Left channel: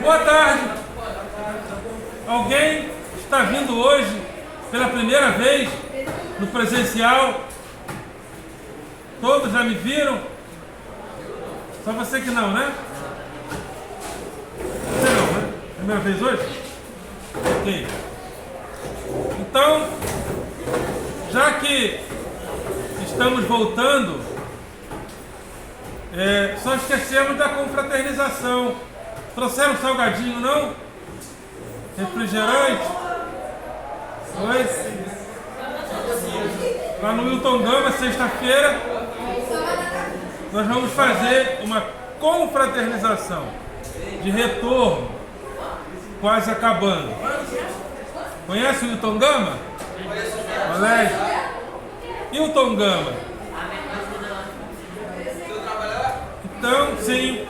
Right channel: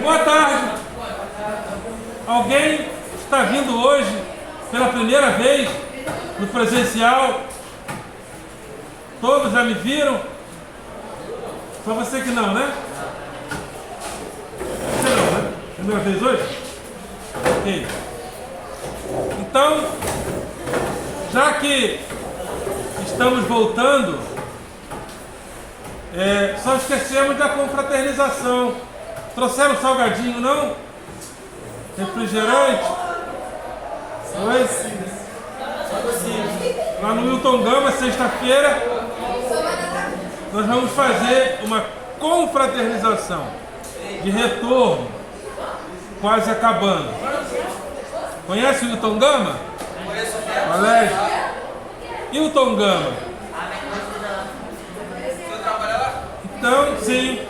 Boa tarde. Alguém está vindo hoje pela primeira vez no presencial? Todos já me viram? Só você que não, né? Você não, né? Primeira vez hoje? Ok. Então, já que estamos voltando, só esquecemos da confraternização. Trouxeram salgadinho, não? Refrigerante? Oi? Lá no Milton Gama, sexta-feira, nós vamos fazer uma confraternização de retorno, quase acabando. Conhece o Milton Gama? Colégio? Milton Gama. Então, sim.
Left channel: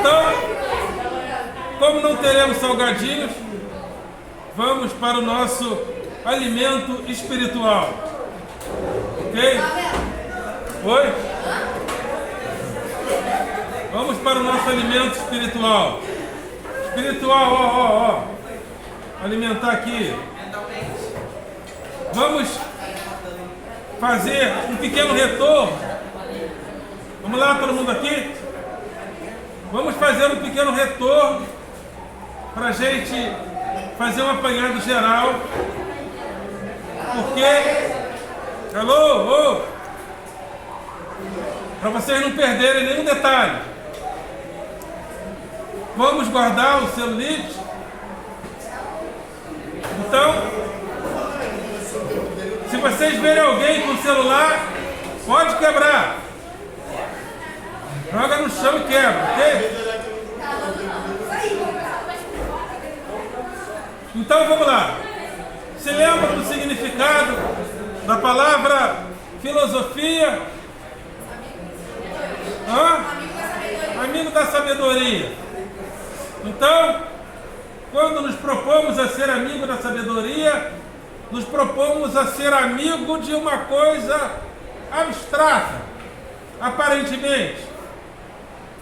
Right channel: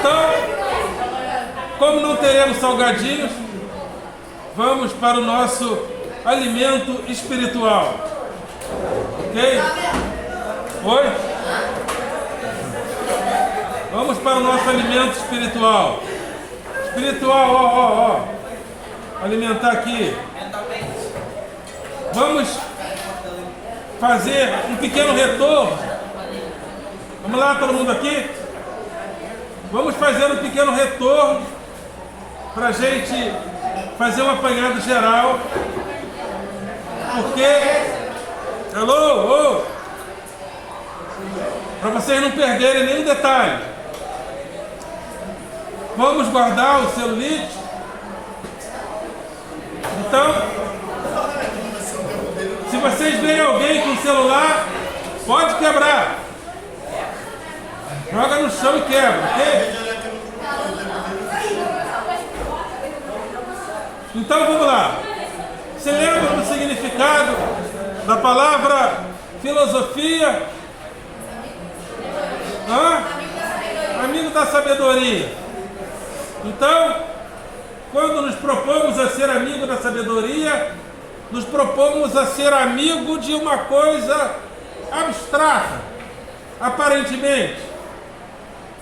Então, como não teremos salgadinhos, vamos para o nosso alimento espiritual. Ok? Oi? Vamos para o nosso alimento espiritual. Espiritual, ó. Alimentar aqui. Vamos fazer um pequeno retorno. Vamos lá, todo mundo aqui? Vamos fazer um pequeno retorno para a gente fazer um apanhado geral. Porque... Alô? Para vocês não perderem nenhum detalhe. Vamos guardar o celulite. Então, se vocês verem alguém com o celular, pode quebrar. Joga no chão e quebra, ok? Então vamos lá. Se lembra do significado da palavra filosofia? Amigo da sabedoria. Então, quando nos propomos a ser amigo da sabedoria, nos propomos a ser amigo de uma coisa abstrata, aparentemente.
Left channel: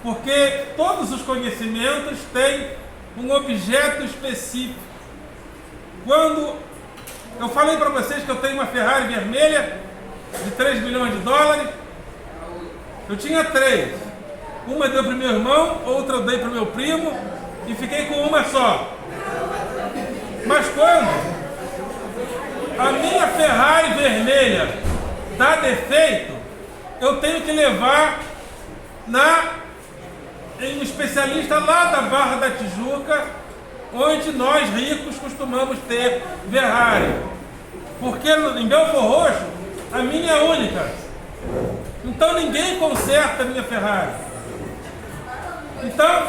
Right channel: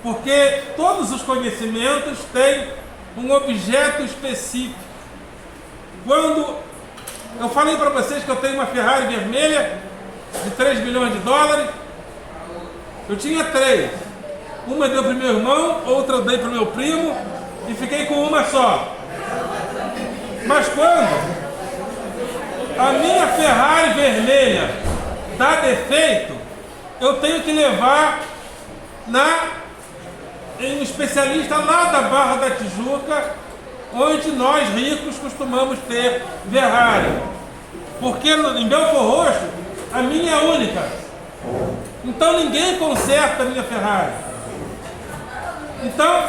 Porque todos os conhecimentos têm um objeto específico. Quando eu falei para vocês que eu tenho uma Ferrari vermelha de 3 milhões de dólares, eu tinha 3. Uma eu dei para o meu irmão, outra eu dei para o meu primo e fiquei com uma só. Mas quando a minha Ferrari vermelha dá defeito, eu tenho que levar em um especialista lá da Barra da Tijuca, onde nós ricos costumamos ter Ferrari. Porque em Belfort Roxo, a minha é única. Então ninguém conserta a minha Ferrari. Então,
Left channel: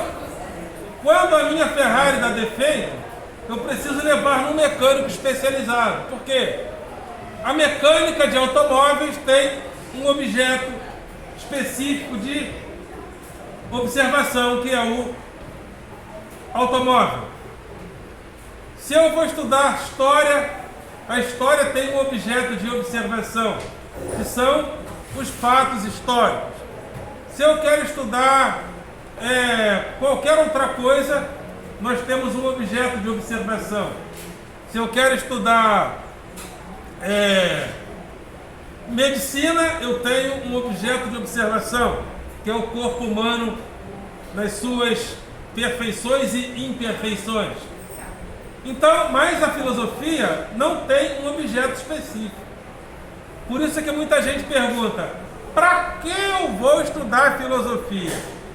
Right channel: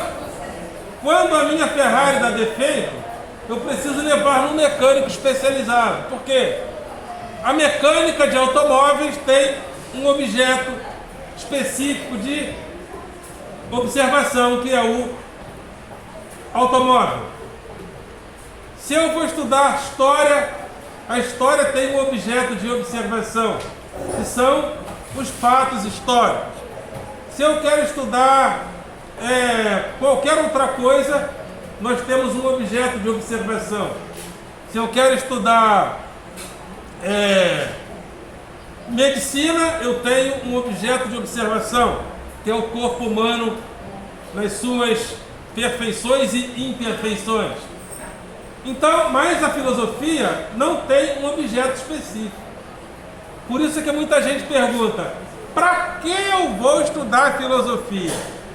quando a minha Ferrari dá defeito, eu preciso levar num mecânico especializado. Por quê? A mecânica de automóveis tem um objeto específico de observação, que é o automóvel. Se eu vou estudar história, a história tem um objeto de observação, que são os fatos históricos. Se eu quero estudar qualquer outra coisa, nós temos um objeto de observação. Se eu quero estudar medicina, eu tenho um objeto de observação, que é o corpo humano nas suas perfeições e imperfeições. Então, mas a filosofia não tem um objeto específico. Por isso é que muita gente pergunta: para que eu vou estudar filosofia?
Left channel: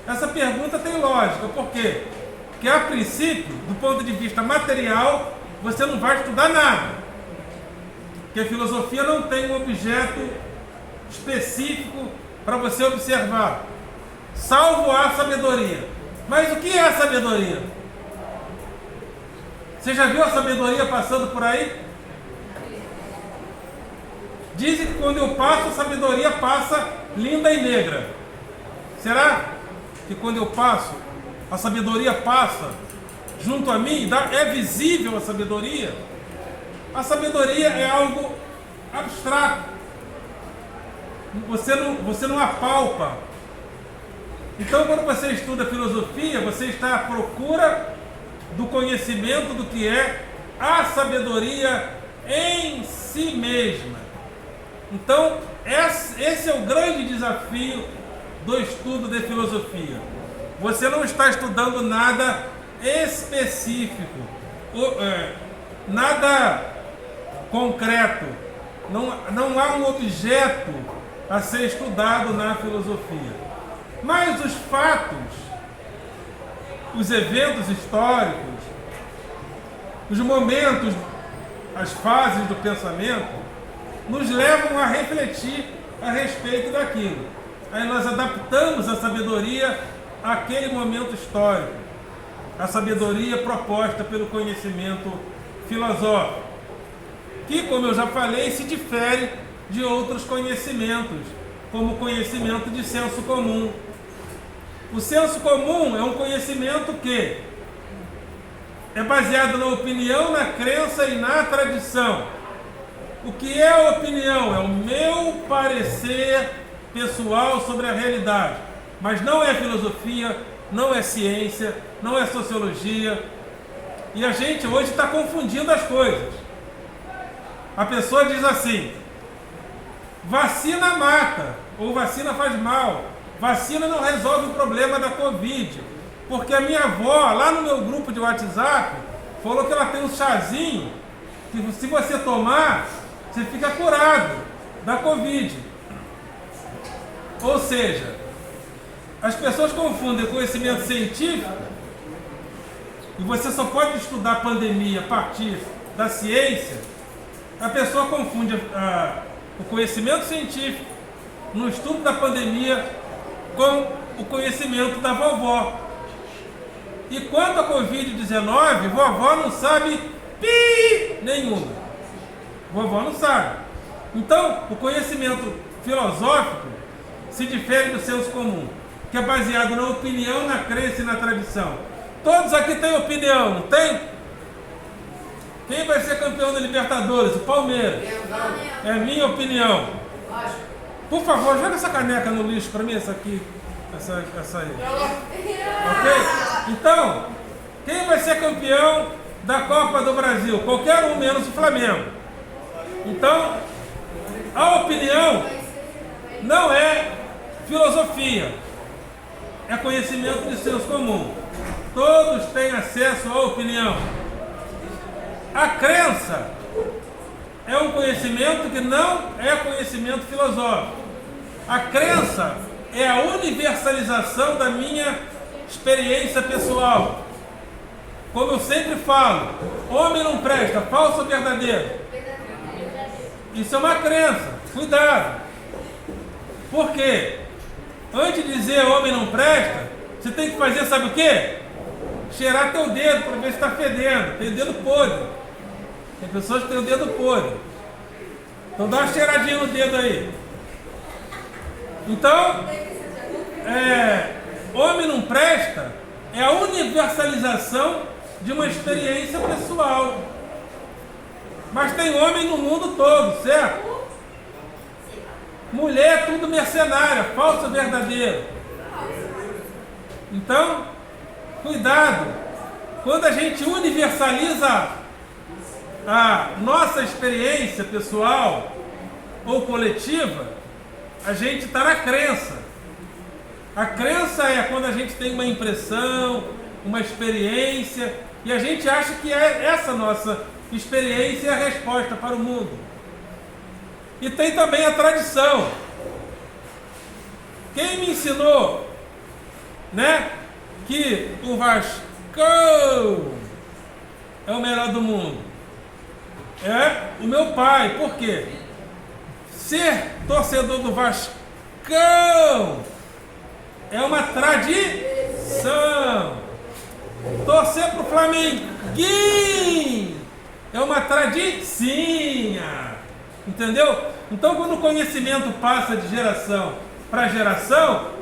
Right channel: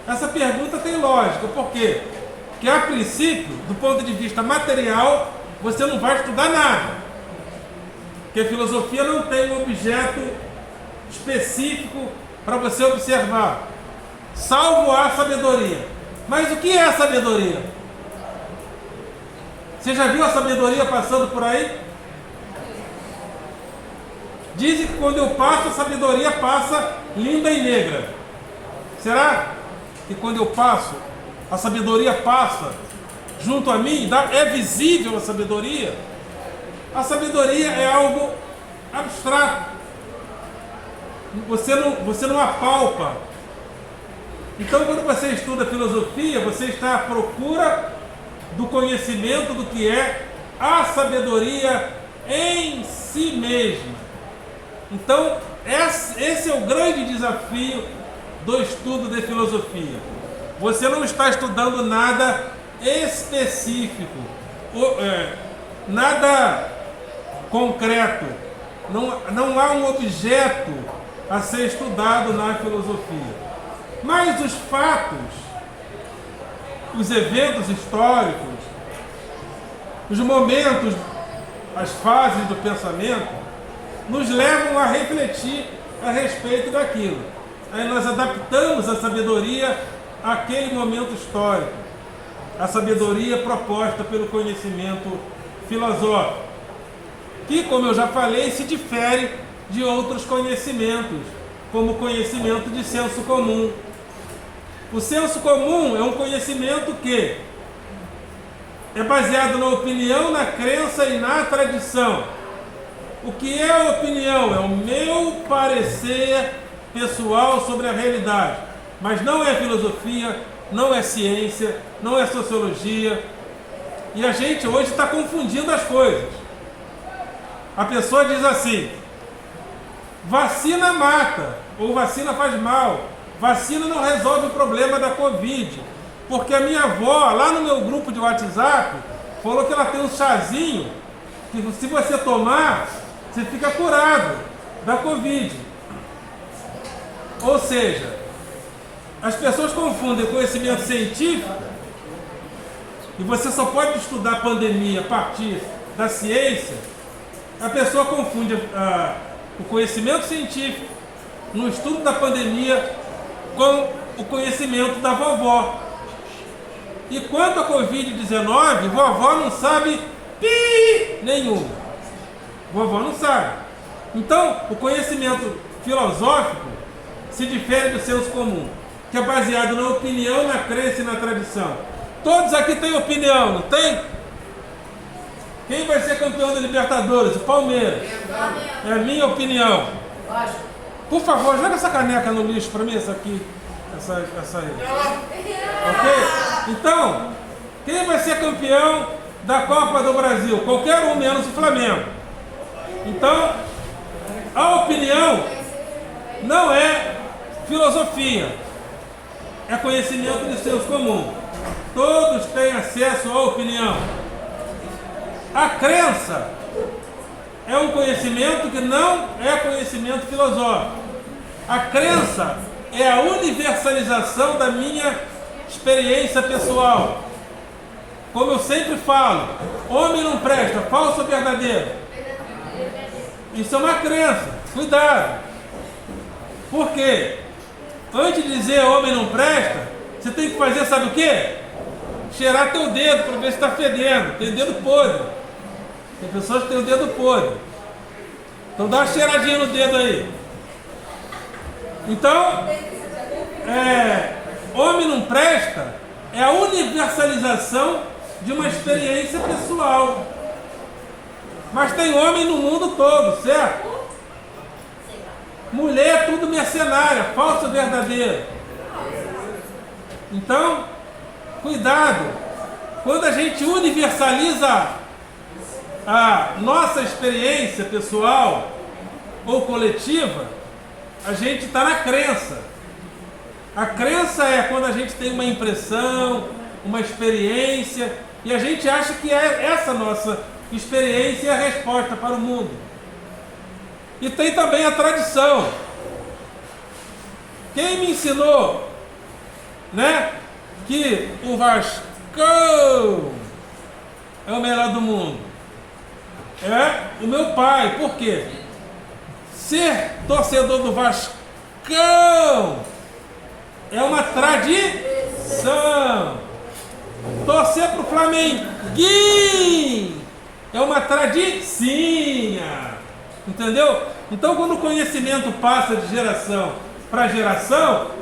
Essa pergunta tem lógica. Por quê? Porque a princípio, do ponto de vista material, você não vai estudar nada. Porque a filosofia não tem um objeto específico para você observar, salvo a sabedoria. Mas o que é a sabedoria? Você já viu a sabedoria passando por aí? Dizem que quando eu passo, a sabedoria passa linda e negra. Será que quando eu passo, a sabedoria passa junto a mim? É visível a sabedoria? A sabedoria é algo abstrato. Você não apalpa Então, quando você estuda filosofia, você está à procura do conhecimento do que é a sabedoria em si mesma. Então, esse é o grande desafio do estudo de filosofia. Você não está estudando nada específico, nada concreto. Não há um objeto a ser estudado na filosofia. Mas os fatos, os eventos históricos, os momentos, as fases do pensamento, nos levam a refletir a respeito daquilo. Aí nós adaptamos a sabedoria àquele momento histórico, a sabedoria proposta pelo conhecimento filosófico, que, como eu já falei, se difere de outros conhecimentos, como o conhecimento de senso comum. O senso comum é um conhecimento que é baseado na opinião, na crença e na tradição. O que é a opinião? É o meu parecer pessoal sobre a realidade. Mas não é filosofia, não é ciência, não é sociologia. E a gente hoje está confundindo as coisas. A pessoa diz assim: vacina mata, ou vacina faz mal. Vacina não resolve o problema da Covid. Porque a minha avó, lá no meu grupo de WhatsApp, falou que ela tem um chazinho que, se você tomar, você fica curado da Covid. Ou seja, as pessoas confundem conhecimento científico, e você só pode estudar a pandemia a partir da ciência. A pessoa confunde o conhecimento científico no estudo da pandemia com o conhecimento da vovó. E quanto à Covid-19, vovó não sabe nenhum. Vovó não sabe. Então, o conhecimento filosófico se difere do senso comum, que é baseado na opinião, na crença e na tradição. Todos aqui têm opinião, não tem? Quem vai ser campeão da Libertadores? O Palmeiras. É a minha opinião. Por favor, joga essa caneca no lixo para mim, essa aqui. Essa aí. Ok? Então, quem vai ser campeão da Copa do Brasil? Qualquer um, menos o Flamengo. Então, a opinião não é filosofia, é conhecimento de senso comum. Todos têm acesso à opinião. A crença é um conhecimento que não é conhecimento filosófico. A crença é a universalização da minha experiência pessoal. Como eu sempre falo, homem não presta, falso ou verdadeiro? Isso é uma crença, cuidado. Por quê? Antes de dizer homem não presta, você tem que fazer, sabe o quê? Cheirar teu dedo para ver se está fedendo. Tem dedo podre. Tem pessoas que têm o dedo podre. Então dá uma cheiradinha no dedo aí. Então, homem não presta é a universalização de uma experiência pessoal. Mas tem homem no mundo todo, certo? Mulher é tudo mercenária, falso ou verdadeiro? Então, cuidado. Quando a gente universaliza a nossa experiência pessoal ou coletiva, a gente está na crença. A crença é quando a gente tem uma impressão, uma experiência, e a gente acha que essa nossa experiência é a resposta para o mundo. E tem também a tradição. Quem me ensinou, que o Vascão é o melhor do mundo? É o meu pai. Por quê? Ser torcedor do Vascão é uma tradição. Torcer para o Flamenguinho é uma tradicinha. Entendeu? Então, quando o conhecimento passa de geração para geração,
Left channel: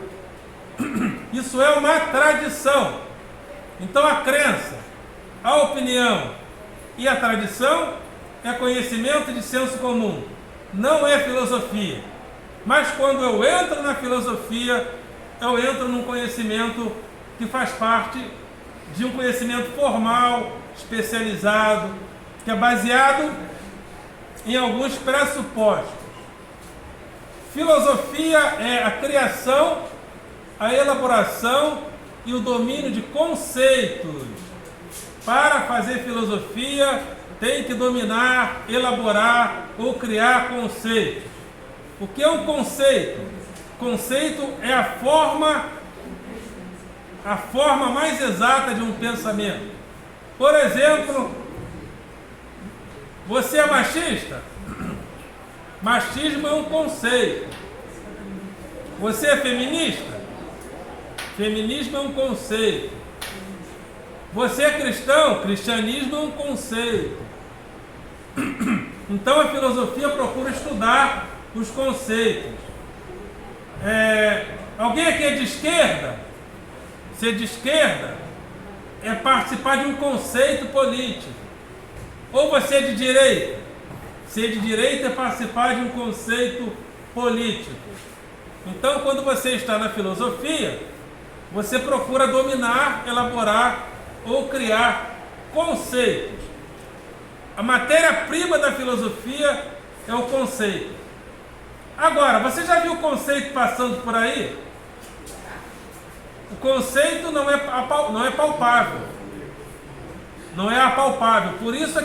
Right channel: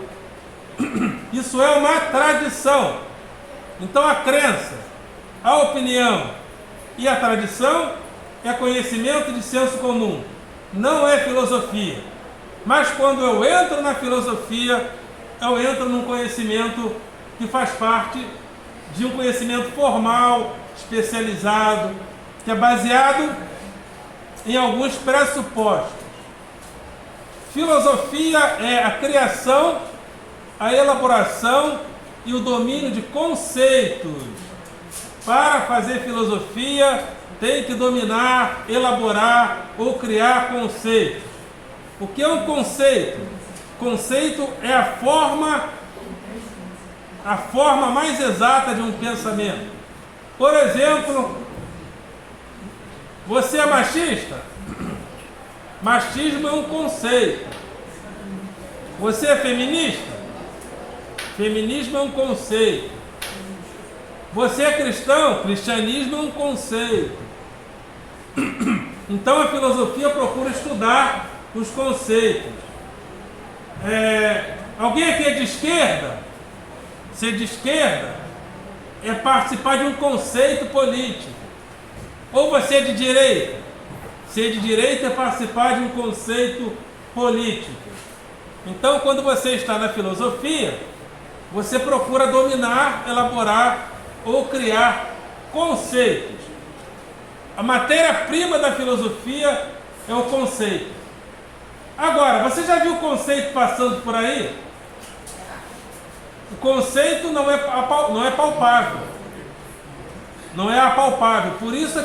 isso é uma tradição. Então, a crença, a opinião e a tradição é conhecimento de senso comum. Não é filosofia. Mas quando eu entro na filosofia, eu entro num conhecimento que faz parte de um conhecimento formal, especializado, que é baseado em alguns pressupostos. Filosofia é a criação, a elaboração e o domínio de conceitos. Para fazer filosofia, tem que dominar, elaborar ou criar conceitos. O que é um conceito? Conceito é a forma mais exata de um pensamento. Por exemplo, você é machista? Machismo é um conceito. Você é feminista? Feminismo é um conceito. Você é cristão? Cristianismo é um conceito. Então a filosofia procura estudar os conceitos. Alguém aqui é de esquerda? Ser de esquerda é participar de um conceito político. Ou você é de direita? Ser de direita é participar de um conceito político. Então, quando você está na filosofia, você procura dominar, elaborar ou criar conceitos. A matéria-prima da filosofia é o conceito. Agora, você já viu o conceito passando por aí? O conceito não é palpável. Não é apalpável. Por isso é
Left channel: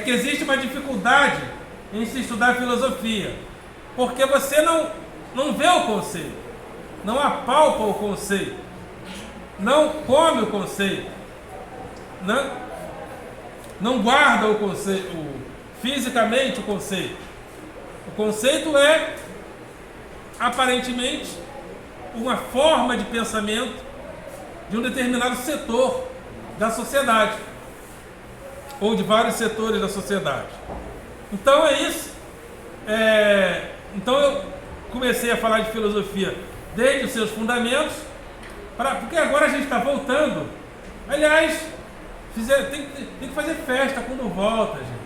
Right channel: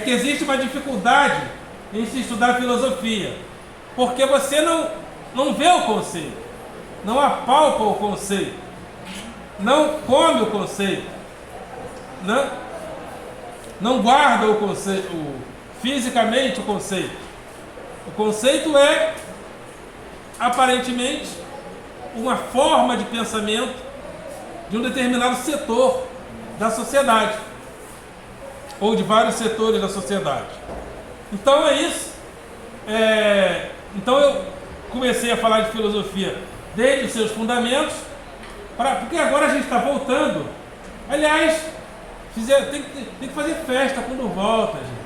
que existe uma dificuldade em se estudar filosofia. Porque você não vê o conceito. Não apalpa o conceito. Não come o conceito. Não guarda o conceito, fisicamente o conceito. O conceito é, aparentemente, uma forma de pensamento de um determinado setor da sociedade, ou de vários setores da sociedade. Então é isso. Então eu comecei a falar de filosofia desde os seus fundamentos, porque agora a gente está voltando. Aliás, tem que fazer festa quando volta, gente.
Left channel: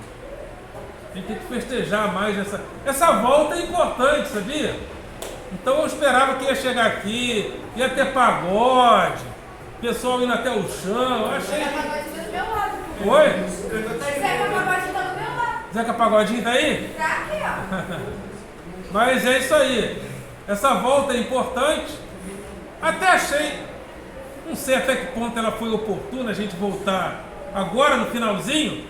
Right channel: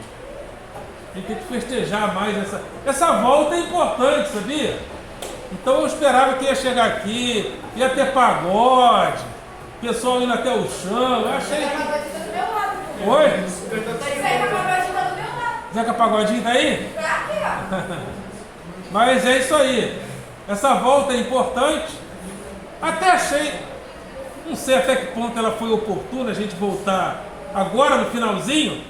A gente tem que festejar mais essa volta é importante, sabia? Então eu esperava que ia chegar aqui, ia ter pagode, o pessoal indo até o chão. Eu achei que... Oi? Zeca Pagodinho tá do meu lado. Zeca Pagodinho tá aí? Tá aqui, ó. Mas é isso aí. Essa volta é importante. Até achei, não sei até que ponto ela foi oportuna a gente voltar agora no finalzinho,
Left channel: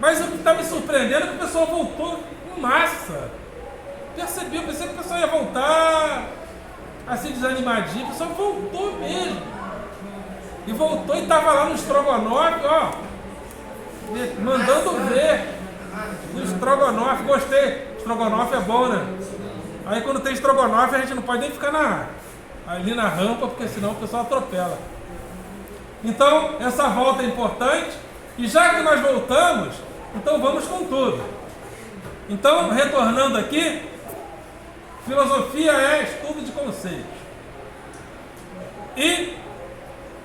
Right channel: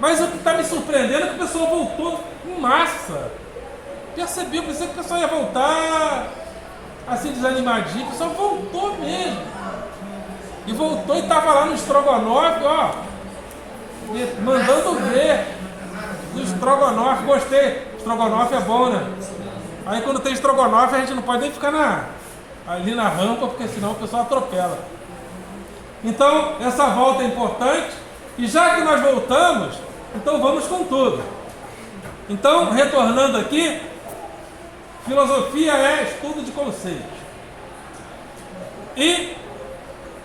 mas o que está me surpreendendo é que o pessoal voltou em massa. Percebi, eu pensei que o pessoal ia voltar assim desanimadinho, o pessoal voltou mesmo. E voltou e estava lá no estrogonofe, ó, mandando ver. No estrogonofe, gostei. Estrogonofe é bom, né? Aí quando tem estrogonofe a gente não pode nem ficar ali na rampa, porque senão o pessoal atropela. Então, essa volta é importante. E já que nós voltamos, então vamos com tudo. Então, retornando aqui, filosofia é estudo de conceitos. E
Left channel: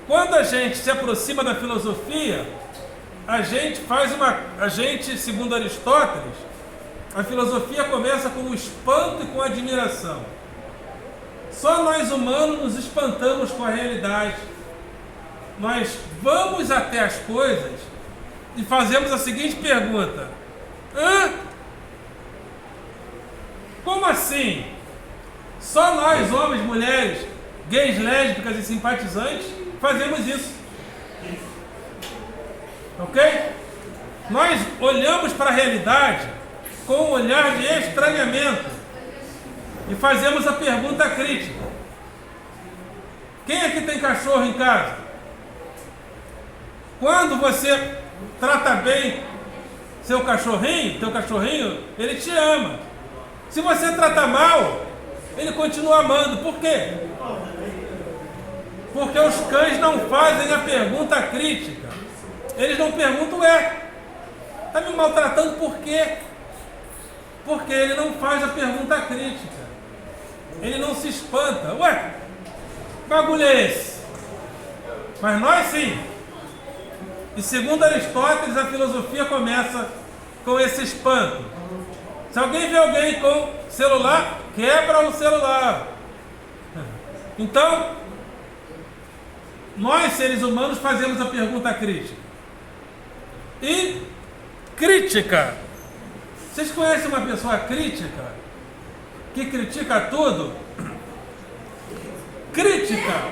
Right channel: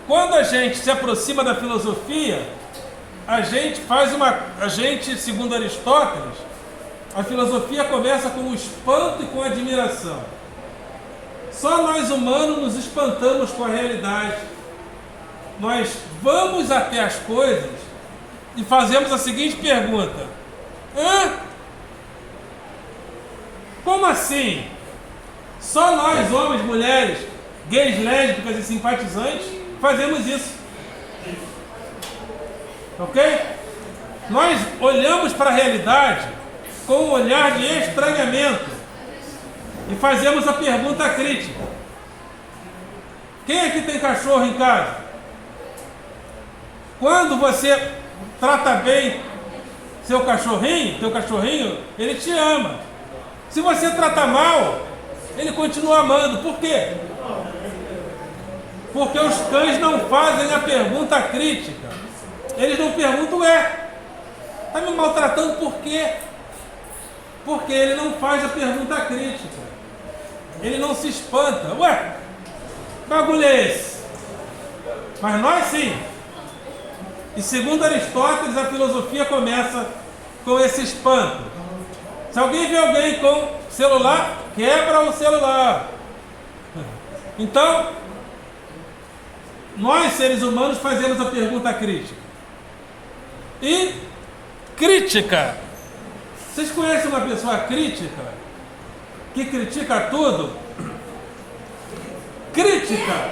quando a gente se aproxima da filosofia, segundo Aristóteles, a filosofia começa com o espanto e com a admiração. Só nós humanos nos espantamos com a realidade. Nós vamos até as coisas e fazemos a seguinte pergunta: como assim? Só nós, homens, mulheres, gays, lésbicas e simpatizantes, fazemos isso. Ok? Nós olhamos para a realidade com um olhar de estranhamento e fazemos a pergunta crítica. Quem aqui tem cachorro em casa? Quando você trata bem teu cachorrinho, ele te ama. Se você trata mal, ele continua amando. Por quê? Porque os cães não fazem a pergunta crítica. Eles não perguntam, está me maltratando por quê? Porque ele não faz a pergunta crítica. Ele não se espanta. Ué, que bagulho é esse? Mas nós sim. E segundo Aristóteles, a filosofia começa com esse espanto. Se alguém vê alguém com celular, quebra o celular. Então, nós seres humanos fazemos a pergunta crítica. E crítica. Vocês conhecem uma pessoa crítica? Que critica tudo? Crítica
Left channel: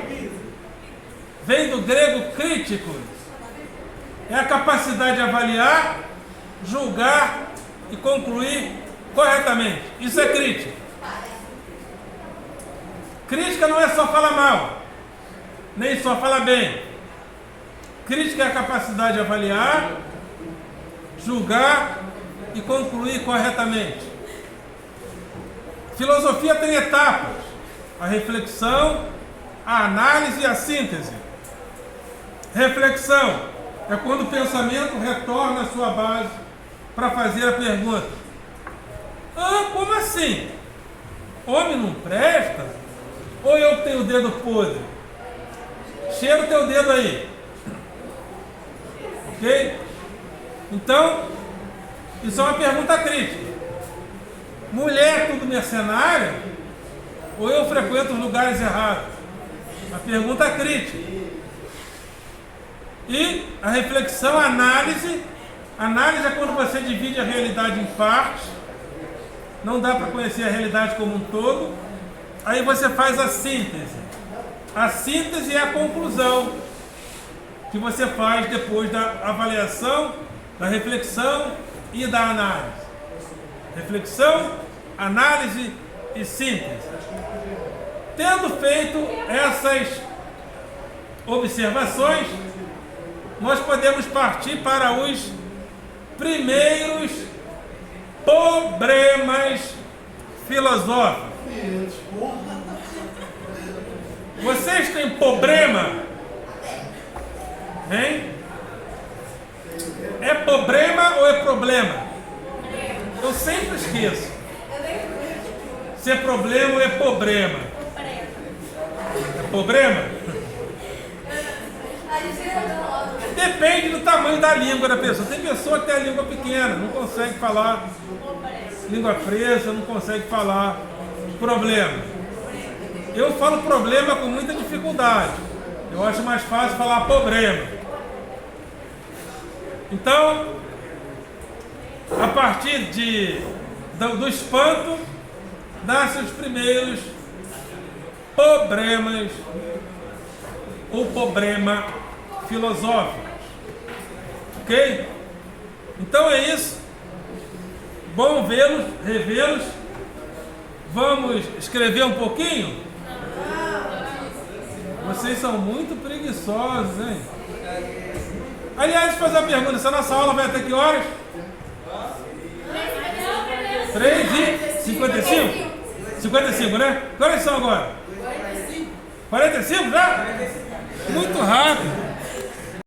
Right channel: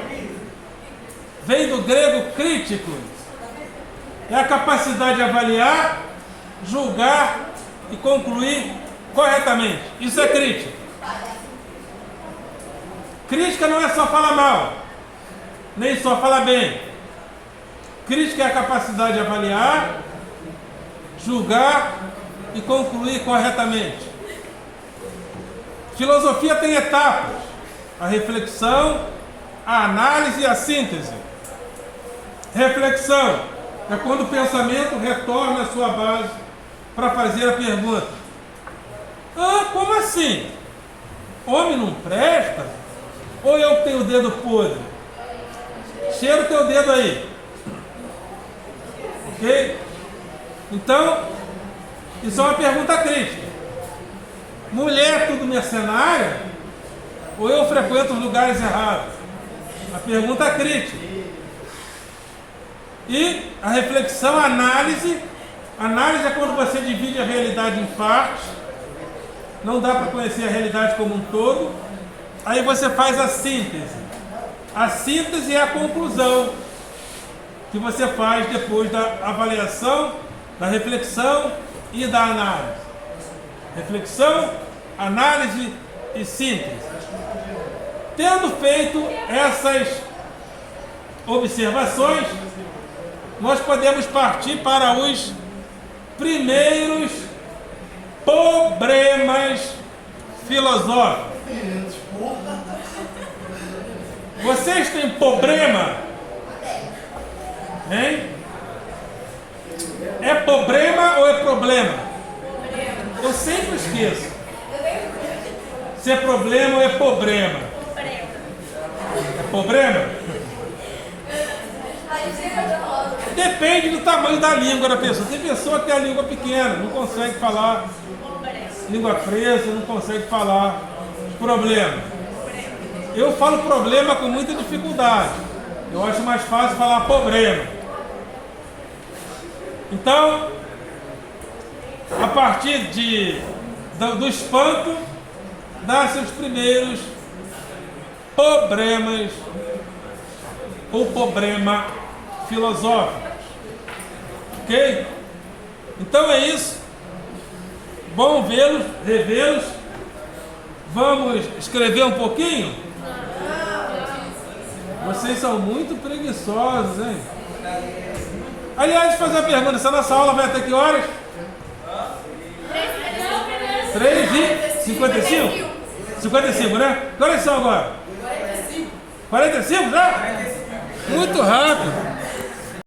vem do grego críticos. É a capacidade de avaliar, julgar e concluir corretamente. Isso é crítica. Crítica não é só falar mal, nem só falar bem. Crítica é a capacidade de avaliar, julgar e concluir corretamente. Filosofia tem etapas: a reflexão, a análise e a síntese. Reflexão é quando o pensamento retorna à sua base para fazer a pergunta: como assim? Homem não presta? Ou eu tenho o dedo podre? Cheira o teu dedo aí. Ok? Então, isso é uma pergunta crítica. Mulher tudo mercenária? Ou eu frequento os lugares errados? A pergunta crítica. E a reflexão, a análise. Análise é quando você divide a realidade em partes. Não dá para conhecer a realidade como um todo. Aí você faz a síntese. A síntese é a conclusão que você faz depois da avaliação, da reflexão e da análise. Reflexão, análise e síntese. Tendo feito essas observações, nós podemos partir para os primeiros problemas filosóficos. Vocês têm problema? Hein? É problema ou é problema? Eu sempre esqueço. Se é problema ou é problema? É problema? Depende do tamanho da língua da pessoa. Tem pessoa que tem a língua pequena, não consegue falar língua presa, não consegue falar problema. Eu falo problema com muita dificuldade. Eu acho mais fácil falar problema. Então, a partir do espanto, nascem os primeiros problemas ou problema filosófico. Ok? Então é isso. Bom vê-los, revê-los. Vamos escrever um pouquinho? Vocês são muito preguiçosos, hein? Aliás, deixa eu fazer uma pergunta. Essa nossa aula vai até que horas? 3h55? 55, né? Que horas são agora? 45 já? Muito rápido.